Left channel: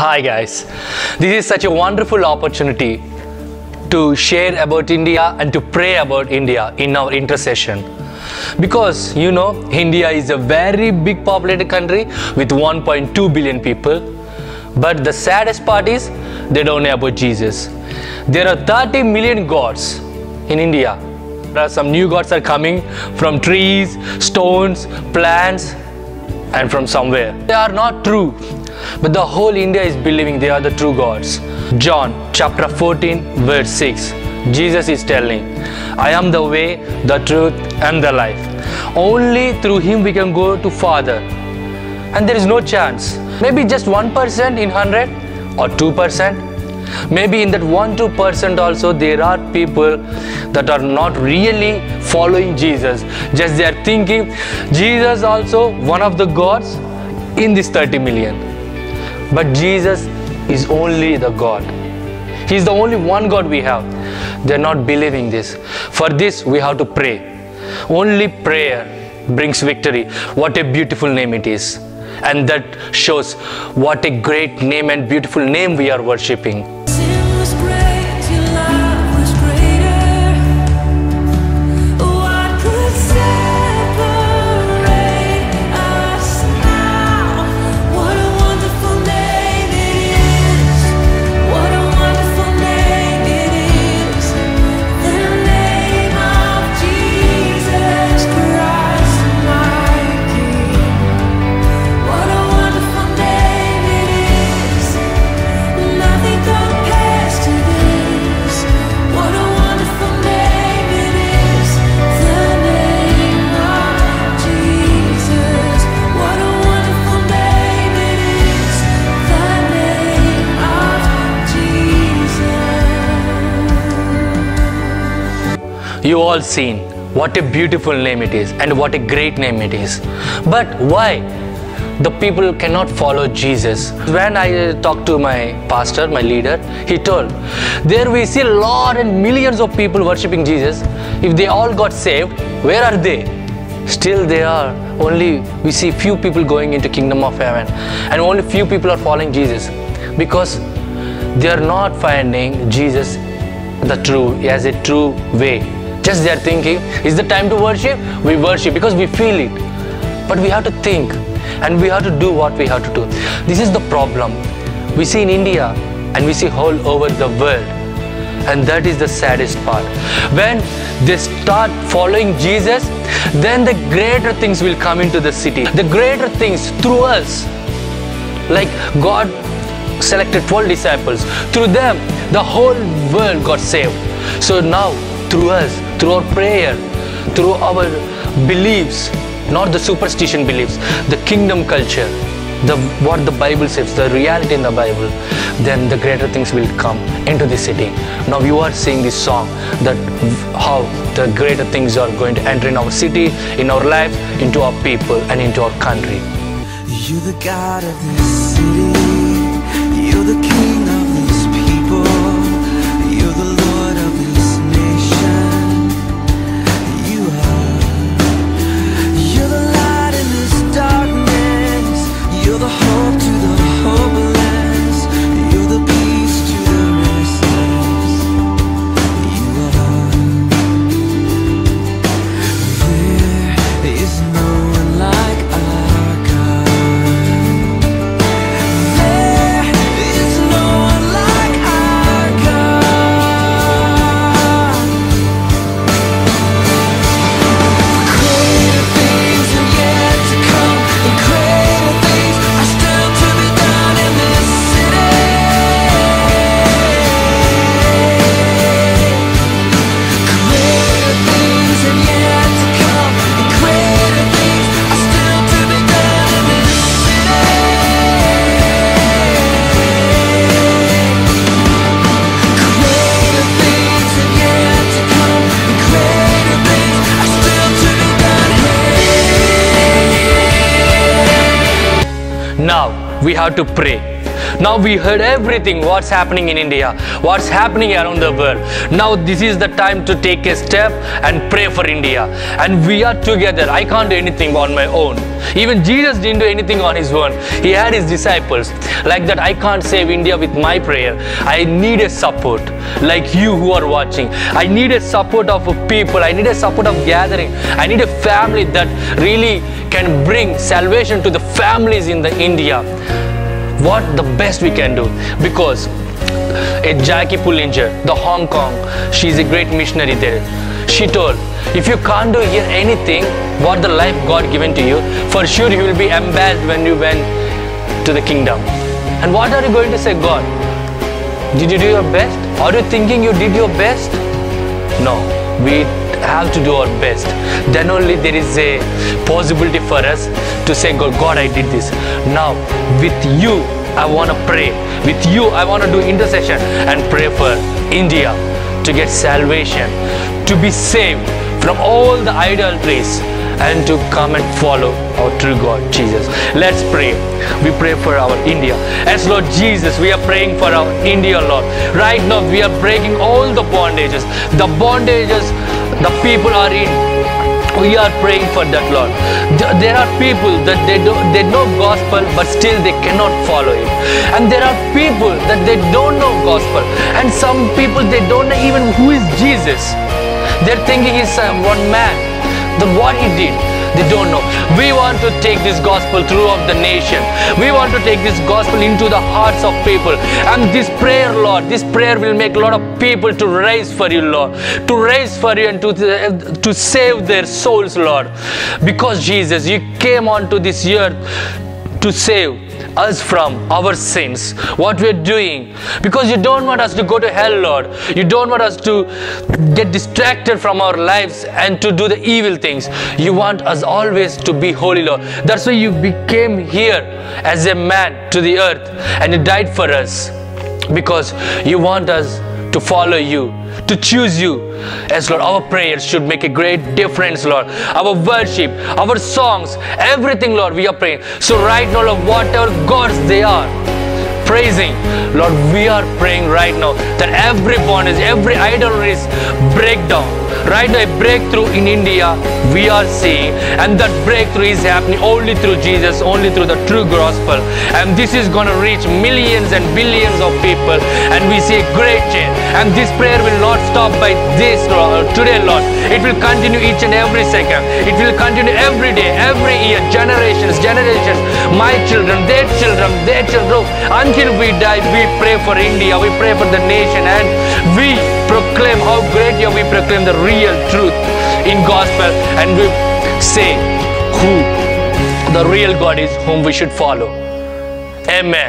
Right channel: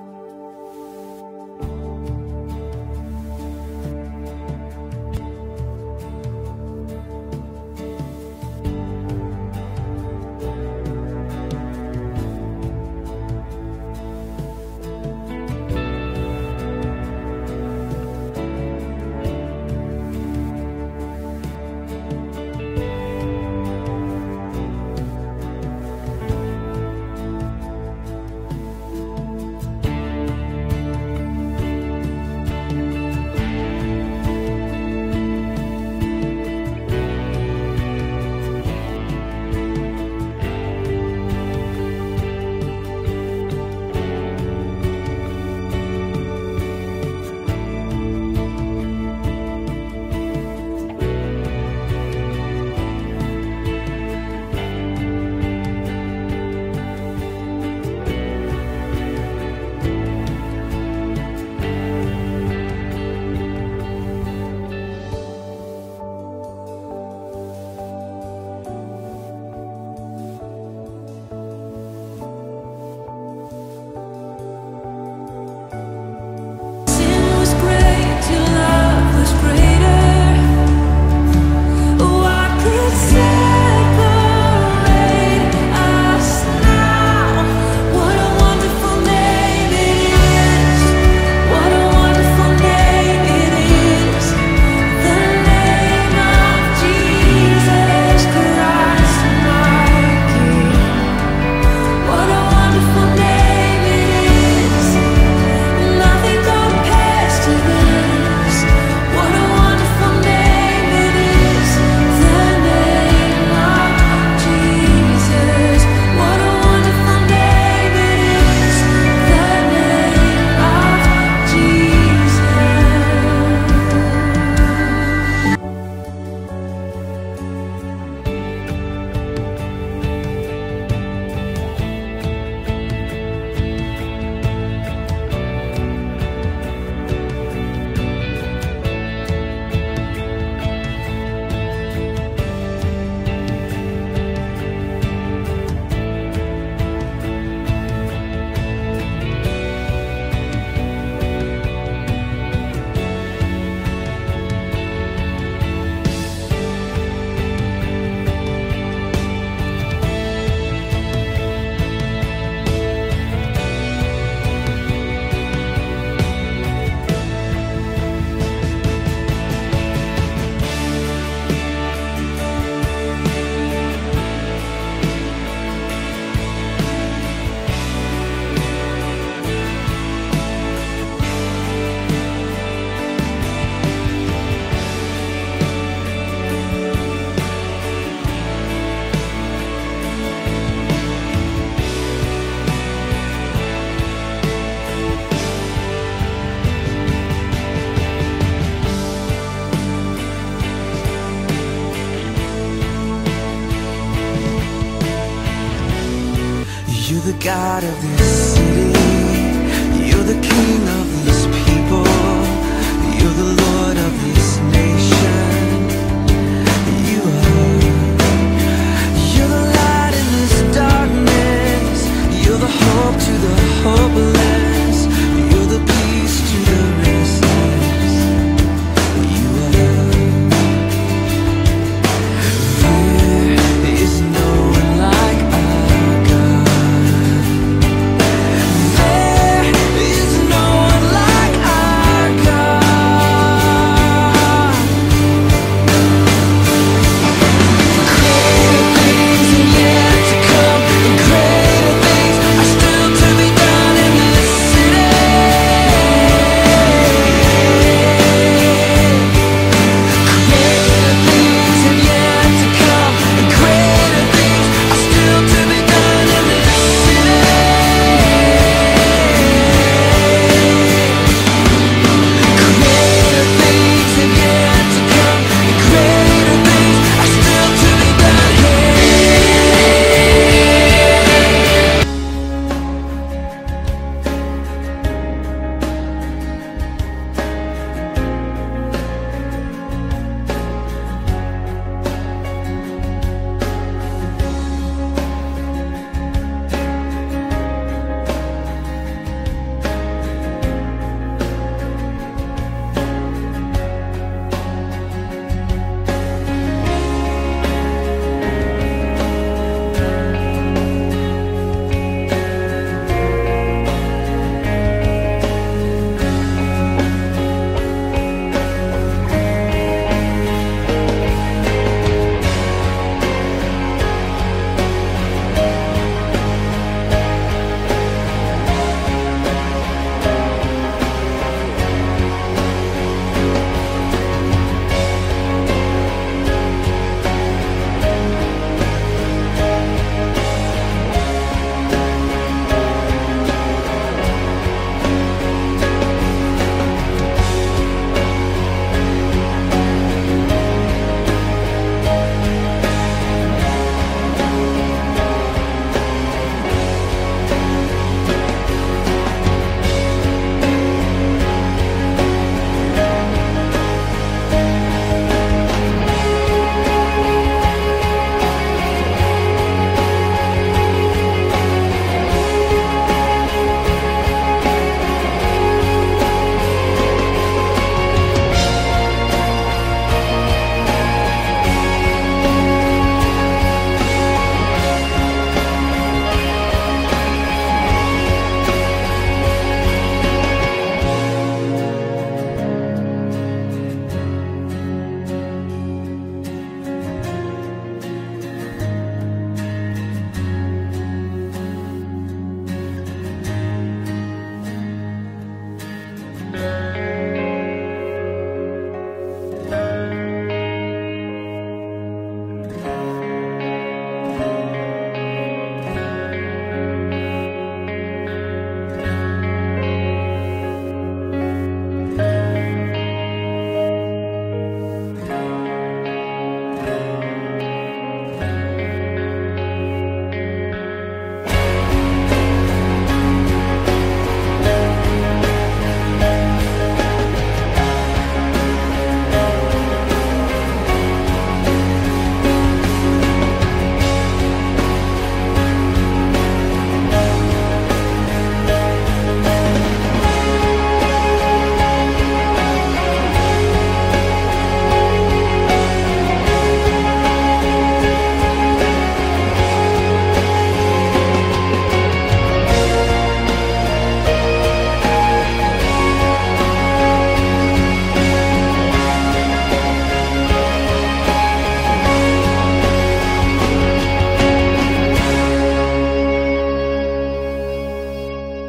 Hi guys, this is such a wonderful opportunity to share about India and to pray about India in our intercession. Because India is a very big populated country with 1.2 billion people. But the saddest part is they don't know about Jesus. There are 30 million gods in India. There are some new gods are coming from trees, stones, plants, and from somewhere. They are not true, but the whole India is believing they are the true gods. John chapter 14 verse 6, Jesus is telling, I am the way, the truth and the life. Only through Him we can go to Father. And there is no chance. Maybe just 1% in 100 or 2%. Maybe in that 1-2% also there are people that are not really following Jesus. Just they are thinking Jesus also one of the gods in this 30 million. But Jesus is only the God. He is the only one God we have. They are not believing this. For this we have to pray. Only prayer brings victory. What a beautiful name it is. And that shows what a great name and beautiful name we are worshipping. Sin was great, your love was greater. What could separate us now? What a wonderful name it is. What a wonderful name it is. The name of Jesus Christ, my King. What a wonderful name it is. Nothing compares to this. What a wonderful name it is. The name of Jesus. What a wonderful name it is. The name of Jesus. You all seen what a beautiful name it is and what a great name it is. But why the people cannot follow Jesus? When I talked to my pastor, my leader, he told, there we see a lot and millions of people worshipping Jesus. If they all got saved, where are they? Still they are only, we see few people going into kingdom of heaven and only few people are following Jesus because they are not finding Jesus as a true way. Just they are thinking, is the time to worship? We worship because we feel it. But we have to think and we have to do what we have to do. This is the problem we see in India and we see all over the world. And that is the saddest part. When they start following Jesus, then the greater things will come into the city. The greater things through us. Like God selected 12 disciples. Through them, the whole world got saved. So now, through us, through our prayer, through our beliefs, not the superstition beliefs, the kingdom culture, what the Bible says, the reality in the Bible, then the greater things will come into the city. Now you are seeing this song, that how the greater things are going to enter in our city, in our life, into our people and into our country. You're the God of this city, you're the King of these people, you're the Lord of this nation. You are. You're the light in this darkness. You're the hope to the hopeless. You're the peace to the restless. You are. There is no one like our God. Now we heard everything what's happening in India, what's happening around the world. Now this is the time to take a step and pray for India. And we are together. I can't do anything on my own. Even Jesus didn't do anything on his own. He had his disciples. Like that, I can't save India with my prayer. I need a support like you who are watching. I need a support of people. I need a support of gathering. I need a family that really can bring salvation to the families in the India. What the best we can do, because Jackie Pullinger, the Hong Kong, she's a great missionary there. She told, if you can't do here anything, what the life God given to you, for sure you will be embarrassed when you went to the kingdom. And what are you going to say, God? Did you do your best? Are you thinking you did your best? No, we have to do our best. Then only there is a possibility for us to say, God, I did this. Now, with you, I want to pray. With you, I want to do intercession and pray for India to get salvation, to be saved from all the idolatries, and to come and follow our true God, Jesus. Let's pray. We pray for our India. As Lord Jesus, we are praying for our India, Lord. Right now, we are breaking all the bondages. The bondages the people are in. We are praying for that, Lord. There are people that they know gospel, but still they cannot follow you. And there are people that they don't know gospel. And some people, they don't know even who is Jesus. They're thinking he's one man. What he did, they don't know. We want to take this gospel throughout the nation. We want to take this gospel into the hearts of people. And this prayer, Lord, this prayer will make a lot of people to rise for you, Lord. To rise for you and to save their souls, Lord. Because Jesus, you came onto this earth to save us from our sins, what we're doing, because you don't want us to go to hell, Lord. You don't want us to get distracted from our lives and to do the evil things. You want us always to be holy, Lord. That's why you became here as a man to the earth and you died for us, because you want us to follow you, to choose you. Yes, Lord, our prayers should make a great difference, Lord. Our worship, our songs, everything, Lord, we are praying. So right now, Lord, whatever gods they are praising, Lord, we are praying right now that every bondage, every idolatry is break down. Right now, a breakthrough in India we are seeing, and that breakthrough is happening only through Jesus, only through the true gospel. And this is going to reach millions and billions of people, and we see a great change. And this prayer will not stop by this, Lord, today, Lord. It will continue each and every second. It will continue every day, every year, generations, my children, their children, until we die. We pray for India, we pray for the nation, and we proclaim how great you are. We proclaim the real truth in gospel, and we say who the real God is, whom we should follow. Amen.